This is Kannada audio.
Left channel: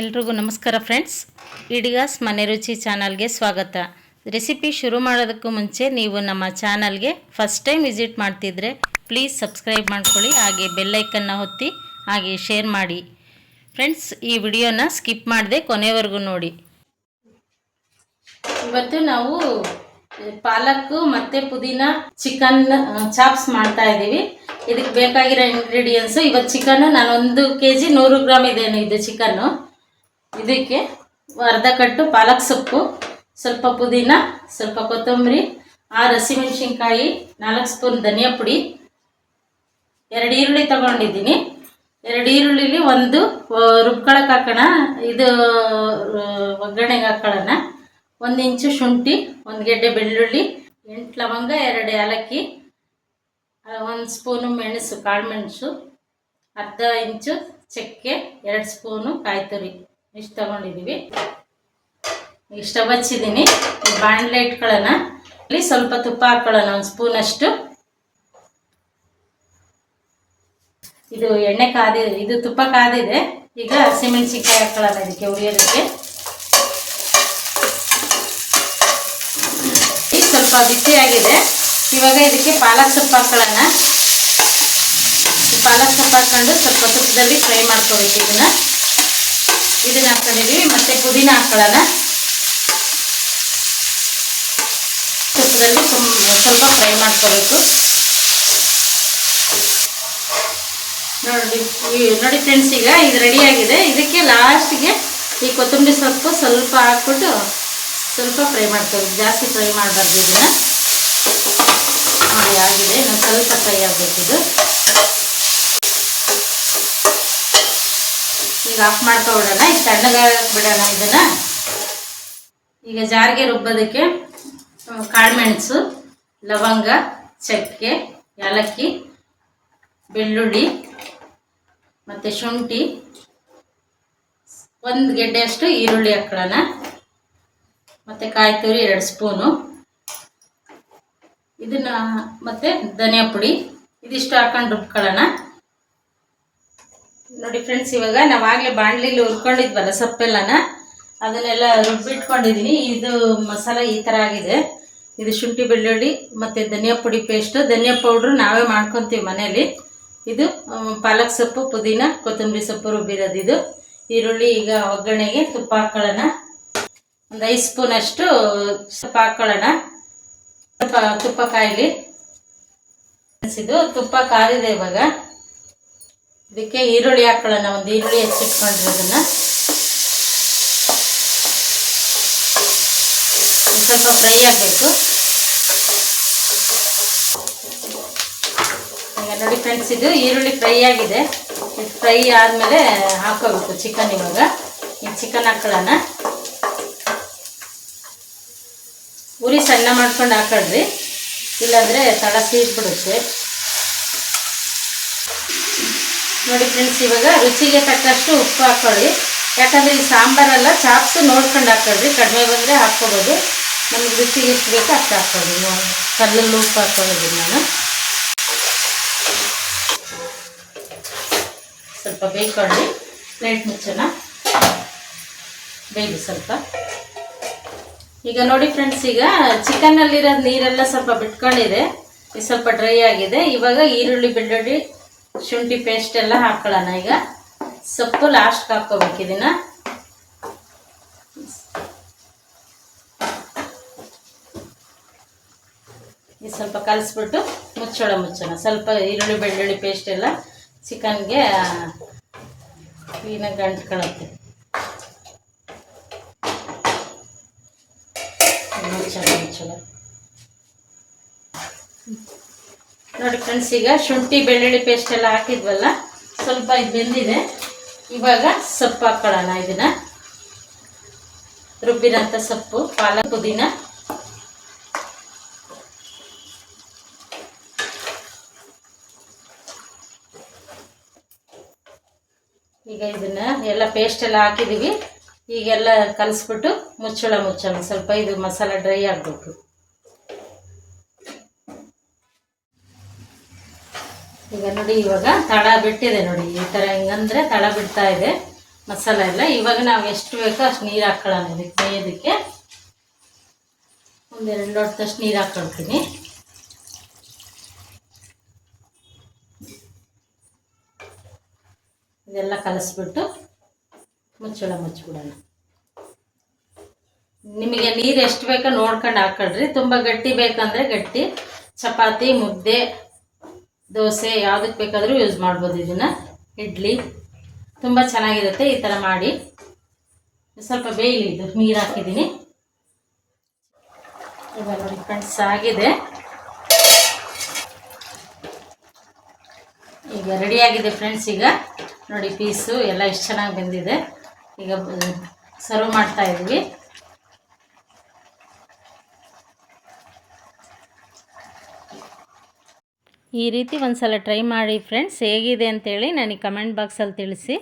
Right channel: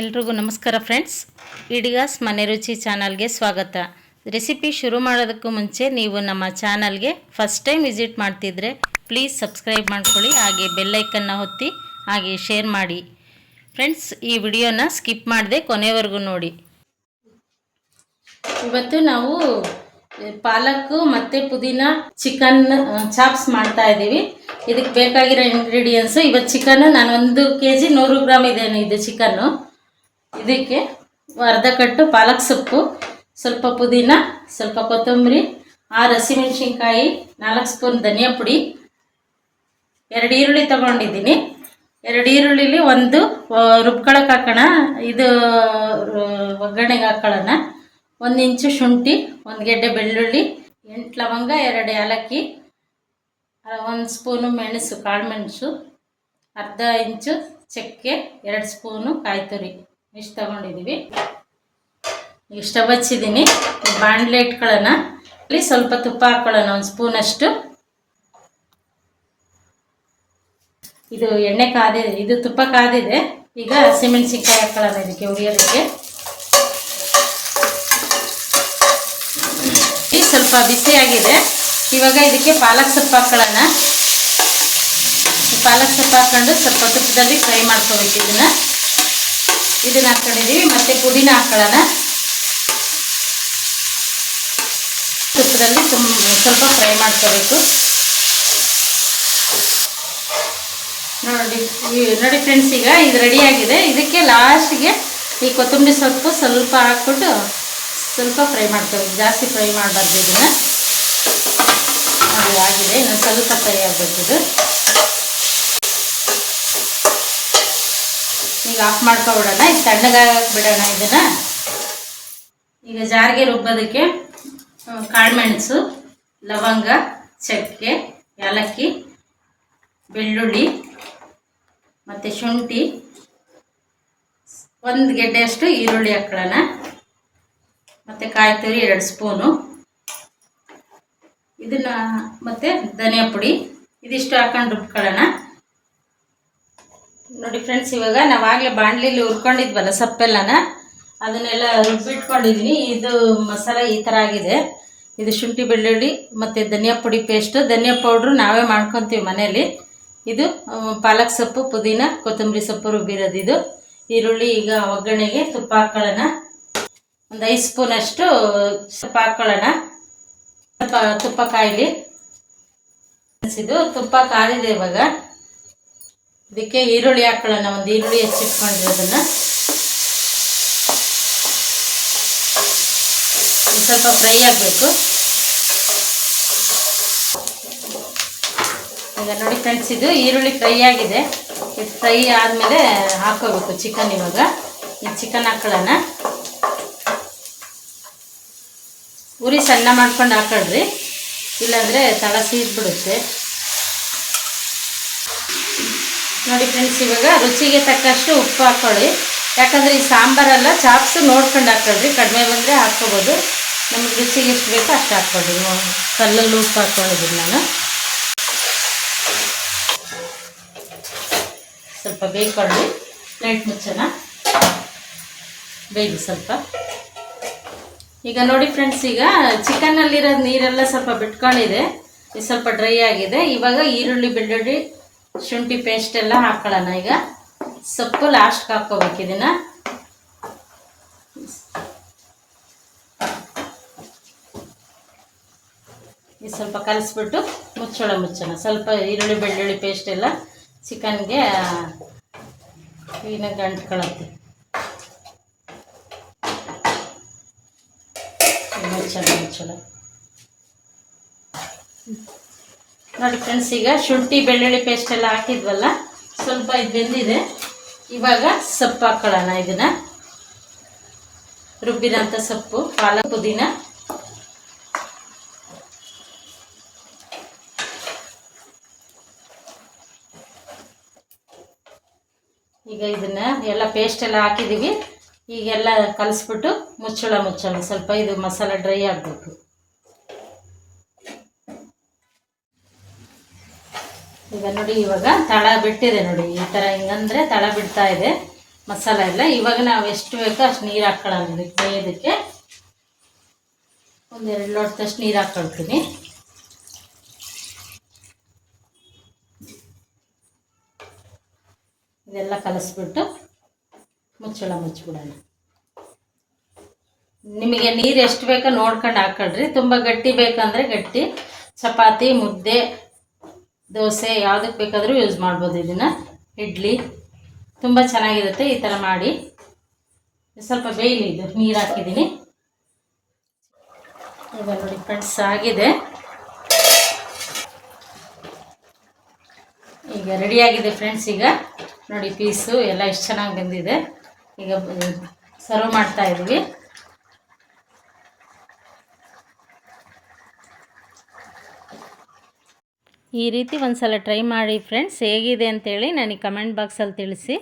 ಎಲ್ರಿಗೂ ನಮಸ್ಕಾರ ಫ್ರೆಂಡ್ಸ್. ಇಡಿಗಾಸ್ ಮನೆ ರುಚಿ ಚಾನಲ್ಗೆ ಸ್ವಾಗತ. ರೆಸಿಪಿ ಶುರು ಮಾಡೋದಕ್ಕೂ ಮುಂಚೆ ನೀವು ನಮ್ಮ ಚಾನಲ್ಗೆ ಫಸ್ಟ್ ಟೈಮ್ ವಿಸಿಟ್ ಮಾಡ್ತಿದ್ರೆ ಪ್ಲೀಸ್ ಸಬ್ಸ್ಕ್ರೈಬ್ ಮಾಡ್ಕೊಳ್ಳಿ, ಹಾಗೆ ಬೆಲ್ಲೈಕನ್ನ ಒತ್ತಿ, ಹಾಗೆ ಶೇರ್ ಮಾಡಿ. ಫ್ರೆಂಡ್ಸ್, ಈ ವಿಡಿಯೋನ ಸ್ಕಿಪ್ ಮಾಡದೆ ಕೊನೆವರೆಗೂ ನೋಡಿ. ಇವತ್ತು ನಾವು ಪಾಲಕ್ಕು ಮತ್ತು ಪುದೀನ ಚಿಕನ್ ಚಾಪ್ಸ್ ಮಾಡ್ತಾ ಇದ್ದೀವಿ. ಇದಕ್ಕೆ ಬೇಕಾಗಿರೋ ಇಂಗ್ರೀಡಿಯೆಂಟ್ಸು, ಇವತ್ತು ಚಿಕನ್ ನಾನು 1 kg 100 ಗ್ರಾಮ್ ಇದೇನು ಇದು ಚಿಕನ್ನು. ಇದಕ್ಕೆ ಅರ್ಧ ಕಟ್ಟು ಪಾಲಕ್ ಸೊಪ್ಪು, ಸ್ವಲ್ಪ ಪುದೀನ, ಸ್ವಲ್ಪ ಕೊತ್ತಂಬರಿ, 6 ಹಸಿಮೆಣಸಿನ್ಕಾಯಿ, 4 ಸ್ಪೂನ್ ಧನಿಯಾ ಪುಡಿ, 2 ಈರುಳ್ಳಿ ತೊಗೊಂಡಿದ್ದೀನಿ. 2 ಈರುಳ್ಳಿಲಿ ಒಂದು ರುಬ್ಕೊಳಕ್ಕೆ ಹಾಕೋಣ, ಇದು ಒಗ್ಗರಣೆಗೆ ಹಾಕೊಳ್ಳೋಣ. 1 ಇಂಚು ಶುಂಠಿ, 1 ಗೆಡ್ಡೆ ಬೆಳ್ಳುಳ್ಳಿ, 8 ಲವಂಗ, 2 ಏಲಕ್ಕಿ, 1 ಸ್ಪೂನು ಮೆಣಸು, ಕಾಳು ಮೆಣಸು, ಅರ್ಧ ಇಂಚು ಚಕ್ಕೆ, 2 ಸ್ಪೂನು ಕಾಯಿ ತುರಿ, ಇಷ್ಟು ತಗೊಂಡಿದ್ದೀವಿ. ಈಗ ಸ್ಟವ್ ಹಚ್ಚಿದ್ದೀನಿ. ಬಾಣಲೆ ಇಟ್ಕೊಳ್ಳೋಣ. ಇಲ್ಲಿ ಸ್ವಲ್ಪ ತುಪ್ಪ ಹಾಕೊಳ್ಳೋಣ, 1 ಸ್ಪೂನಷ್ಟು. ಇದು ಎಣ್ಣೆ ಕಾದಿದೆ, ಇದು ತುಪ್ಪ ಕಾದಿದೆ. ಈಗ ಹಸಿಮೆಣಸಿನ್ಕಾಯಿ ಹಾಕೊಳ್ಳೋಣ ಇದಕ್ಕೆ ಹುರಿಯೋದಕ್ಕೆ. ಈಗ ಸ್ವಲ್ಪ ಬಿಸಿಯಾಗಿದೆ. ಇವಾಗ ಇದಕ್ಕೆ ಪಾಲಕ್ ಸೊಪ್ಪು ಹಾಕೊಳ್ಳೋಣ. ಪಾಲಕ್ ಸೊಪ್ಪು ಹಾಕ್ಕೊಂಡು ಸ್ವಲ್ಪ ತುಪ್ಪದಲ್ಲಿ ಫ್ರೈ ಮಾಡ್ಕೋಬೇಕು. ಇದನ್ನ ಹಾಕೊಂಡಿದ್ದೀವಿ. ಮತ್ತು ಪುದೀನ ಹಾಕೊಳ್ಳೋಣ. ತುಪ್ಪದಲ್ಲಿ ಸ್ವಲ್ಪ ಫ್ರೈ ಮಾಡ್ಕೋಬೇಕು. ನೋಡಿ ಫ್ರೆಂಡ್ಸ್, ಈಗ ಇದು ರೆಡಿಯಾಗಿದೆ. ಇದಕ್ಕೆ ಲಾಸ್ಟಿಗೆ ಈ ಕೊತ್ತಂಬರಿ ಸೊಪ್ಪು ಸ್ವಲ್ಪ ಹಾಕ್ಬಿಟ್ಟು ಸ್ವಲ್ಪ ಫ್ರೈ ಮಾಡ್ಕೋಬೇಕು. ಜಾಸ್ತಿ ಫ್ರೈ ಮಾಡಬಾರ್ದು. ಇದನ್ನು ನೋಡಿ ಆಗಿದೆ, ಇನ್ನು ಸ್ವಲ್ಪ ಫ್ರೈ ಆಗಬೇಕಿದು. ಈಗ ಆಫ್ ಮಾಡ್ಕೊಬಿಡೋಣ. ಇದು ತಣ್ಣಗಾಗಕ್ಕೆ ಬಿಡೋಣ ಇದನ್ನು. ಈಗ ಜಾರಿಗೆ ರುಬ್ಬೋದಕ್ಕೆ ಕಾಳುಮೆಣಸು, ಲವಂಗ, ಚಕ್ಕೆ, ಏಲಕ್ಕಿ, ಬೆಳ್ಳುಳ್ಳಿ ಮತ್ತು ಶುಂಠಿ, 1 ಗೆಡ್ಡೆಯಷ್ಟು ಈರುಳ್ಳಿ ಹಾಕೊಳ್ಳೋಣ. ಮತ್ತು ಕಾಯಿ ತುರಿ 2 ಸ್ಪೂನು, ಇದನ್ನು ಮತ್ತು ಧನಿಯಾ ಪುಡಿ, ಇದಿಷ್ಟು ಹಾಕೊಂಡು ರುಬ್ಕೊಳ್ಳೋಣ. ನೋಡಿ ಫ್ರೆಂಡ್ಸ್, ಇವಾಗ ನಾವು ಆಗಲೇ ಬಾಣಲಿಲಿ ಹುರ್ಕೊಂಡಿದ್ವಲ್ಲ ಸೊಪ್ಪೆಲ್ಲನ, ಅದನ್ನೆಲ್ಲ ರುಬ್ಬಿಟ್ಕೊಂಡಿದ್ದೀನಿ. ಇದು ಮಸಾಲ ಈ ಥರ ಆಗಿದೆ. ಇದು ಶುಂಠಿ ಬೆಳ್ಳುಳ್ಳಿ ಮತ್ತು ಧನಿಯಾ ಪುಡಿ ಪೇಸ್ಟು. ಧನಿಯಾ ಪೌಡ್ರು ನಾವೇ ಮಾಡ್ಕೊತೀವಿ ಮನೆಯಲ್ಲಿ. ಇದು ಪಾಲಕ್ ಸೊಪ್ಪು, ಪುದೀನ, ಕೊತ್ತಂಬರಿ ಸೊಪ್ಪು ರುಬ್ಬಿರೋದು ಇದು. ಈರುಳ್ಳಿ. ಈಗ ಒಗ್ಗರಣೆಗೆ ತುಪ್ಪ ಹಾಕ್ಕೊಳ್ಳೋಣ. ಒಂದು 5 ಸ್ಪೂನಷ್ಟು ತುಪ್ಪ ಹಾಕ್ಕೊಳ್ಳೋಣ. ಸ್ವಲ್ಪ ತುಪ್ಪ ಕಾಯಲಿ. ಇದು ತುಪ್ಪ ಕಾದಿದೆ. ಇವಾಗ ಇದಕ್ಕೆ ಈರುಳ್ಳಿ ಹಾಕ್ಕೊಳ್ಳೋಣ. 1 ಈರುಳ್ಳಿ ಹೆಚ್ಚಿಟ್ಕೊಂಡಿರೋದನ್ನು ಸ್ವಲ್ಪ ಫ್ರೈ ಆಗಬೇಕು. ಈಗ ನೋಡಿ ಫ್ರೆಂಡ್ಸ್, ಇದು ಈರುಳ್ಳಿ ಫ್ರೈ ಆಗಿದೆ. ಇದು ಫ್ರೈ ಆದಮೇಲೆ ಹಾಕೋಬೇಕು ಚಿಕನ್. ಇವಾಗ ಈ ಚಿಕನ್ ಹಾಕ್ಕೊಳ್ಳೋಣ. ಉರಿ ಸಣ್ಣ ಮಾಡ್ಕೊಂಡು ಹಾಕೊಳ್ರಿ, ಇಲ್ಲಾಂದರೆ ತಳ ಸೀದ್ಬಿಡುತ್ತೆ. ನೋಡಿ ಫ್ರೆಂಡ್ಸ್, ಇವಾಗ ರುಚಿಗೆ ತಕ್ಕಷ್ಟು ಉಪ್ಪು ಹಾಕ್ಕೊಳ್ಳಿ. ಯಾಕಂದರೆ ಈ ಸಾಂಬಾರೆಲ್ಲ ಚಾಪ್ಸು ನೋಡ್ಕೊಂಡು ಹಾಕ್ಕೊಳ್ರಿ. ಕಡಿಮೆ ಬಂದರೆ ಹಾಕ್ಕೋಬೋದು. ನಮಗೆ ರುಚಿಗೆ ಎಷ್ಟು ಬೇಕೋ ಅಷ್ಟು ಹಾಕ್ಕೊಳ್ಳಿ. ಕಲ್ಲಲ್ಲಿ ಉಪ್ಪು ಹಾಕ್ಕೊಳ್ಳೋದು ನಾನು. ಸ್ವಲ್ಪ ಬೇಯ್ಕೊಳ್ಳಿ. ಪ್ಲೇಟ್ ಮುಚ್ಚೋಣ, ಬೇಯ್ದು ಸ್ವಲ್ಪ. ಈಗ ನೋಡಿ ಫ್ರೆಂಡ್ಸ್, ಈಗ ಚಿಕನ್ನಲ್ಲಿರೋ ನೀರೆಲ್ಲ ಸ್ವಲ್ಪ ಬಿಟ್ಕೊಂಡಿದೆ. ಇದು ಸ್ವಲ್ಪ ಡ್ರೈ ಆಗಿದೆ. ಇವಾಗ ಈರುಳ್ಳಿ, ಬೆಳ್ಳುಳ್ಳಿ, ಶುಂಠಿ ಪೇಸ್ಟ್ ಎಲ್ಲ ಹಾಕ್ಕೊಳ್ಳೋಣ. ಈಗ ಸೊಪ್ಪು ಲಾಸ್ಟ್ಗೆ ಹಾಕ್ಕೋಬೇಕು. ಇದನ್ನು ಇದು ಸ್ವಲ್ಪ ಕಲಿಸ್ಬಿಟ್ಟು ಮುಚ್ಚೋಣ. ಸ್ವಲ್ಪ ಈರುಳ್ಳಿ ಬೆಳ್ಳುಳ್ಳಿ ಪೇಸ್ಟ್ ಎಲ್ಲ ಚಿಕನ್ಗೆ ಕ್ಲೀನಾಗಿ ಅಂಟ್ಕೊಳ್ಳುತ್ತೆ. ಮುಚ್ಚೋಣ. ನೋಡಿ ಫ್ರೆಂಡ್ಸ್, ಈಗ ಶುಂಠಿ ಬೆಳ್ಳುಳ್ಳಿ ಪೇಸ್ಟ್ ಎಲ್ಲ ಹಾಕಿದ್ವಲ್ಲ, ಸ್ವಲ್ಪ ಇದು ಬೆಂದಿದೆ. ಇವಾಗ ಸೊಪ್ಪು ಹಾಕ್ಕೊಳ್ಳೋಣ. ಇದನ್ನು ರುಬ್ಬಿರೋಂಥ ಸೊಪ್ಪು, ಪಾಲಕ್, ಪುದೀನ, ಈಗ ಇದನ್ನು ಎಲ್ಲ ಪೇಸ್ಟ್ ಎಲ್ಲ ಹಾಕಿದ್ದೀವಿ. ಈಗೆಲ್ಲ ಕಲಿಸ್ಬಿಟ್ಟು ಮುಚ್ಚೋಣ. ಸ್ವಲ್ಪ ಇದು ಮಸಾಲೆ ಡ್ರೈ ಆಗಬೇಕು. ಈಗ ನೋಡಿ, ಇವಾಗ ತಳ ಬಿಟ್ಟಿದೆ ನೋಡಿ. ಈ ಥರ ಹಿಂಗಂದರೆ ತಳ ಬಿಡ್ತಾ ಇದೆ. ಮಸಾಲೆ ಎಲ್ಲ. ಇವಾಗ ನಾವು ಎಷ್ಟು ಬೇಕೋ ಅಷ್ಟು ನೀರು ಹಾಕ್ಕೊಳ್ಳೋಣ ಇದಕ್ಕೆ ಬೇಯೋದಕ್ಕೆ. ಒಂದೆರಡು ಲೋಟದಷ್ಟು ನೀರು ಹಾಕ್ಕೊಳ್ತೀನಿ. ಇದೆಲ್ಲ ಕಲಸ್ಬಿಟ್ಟು ಮುಚ್ಚಳ ಮುಚ್ಚಿಬಿಡೋಣ. ನಿಮಗೆ ನೀರು ಎಷ್ಟು ಬೇಕೋ ನೋಡ್ಕೊಂಡು ಹಾಕ್ಕೊಳ್ರಿ. ತುಂಬ ಗಟ್ಟಿ ಬೇಕಂದರೆ ಗಟ್ಟಿ, ಚಪಾತಿ, ಮುದ್ದೆ, ದೋಸೆ ಯಾವುದಕ್ಕೆ ಬೇಕಾದರೂ ಯೂಸ್ ಮಾಡ್ಬೋದು ಇದನ್ನು. ಇಡ್ಲಿ ತುಂಬ ಚೆನ್ನಾಗಿರುತ್ತೆ ಈ ಥರ ಮಾಡಿ. ಸ್ವಲ್ಪ ಬೇಯಲಿ, ಇದು ನೀರು ಹಾಕಿದ್ದೀನಿ. ಇವಾಗ ನೋಡಿ ಫ್ರೆಂಡ್ಸ್ ಆಗಿದೆ, ಈಗ ರೆಡಿಯಾಗಿದೆ ಫ್ರೆಂಡ್ಸ್. ಈಗ ನೋಡಿ ಪೀಸು ಎಲ್ಲ ಎಷ್ಟು ಚೆನ್ನಾಗಿ ಬಂದಿದೆ. ಈಗ ಸರ್ವ್ ಮಾಡ್ತಾ ಇದ್ವಿ. ಈ ರೀತಿ ಒಂದು ಸಲ ಟ್ರೈ ಮಾಡಿ ಫ್ರೆಂಡ್ಸ್, ಹೇಗಿದೆ ಅಂತೇಳಿ ನನಗೆ ಕಮೆಂಟ್ ಬಾಕ್ಸಲ್ಲಿ ತಿಳಿಸಿ.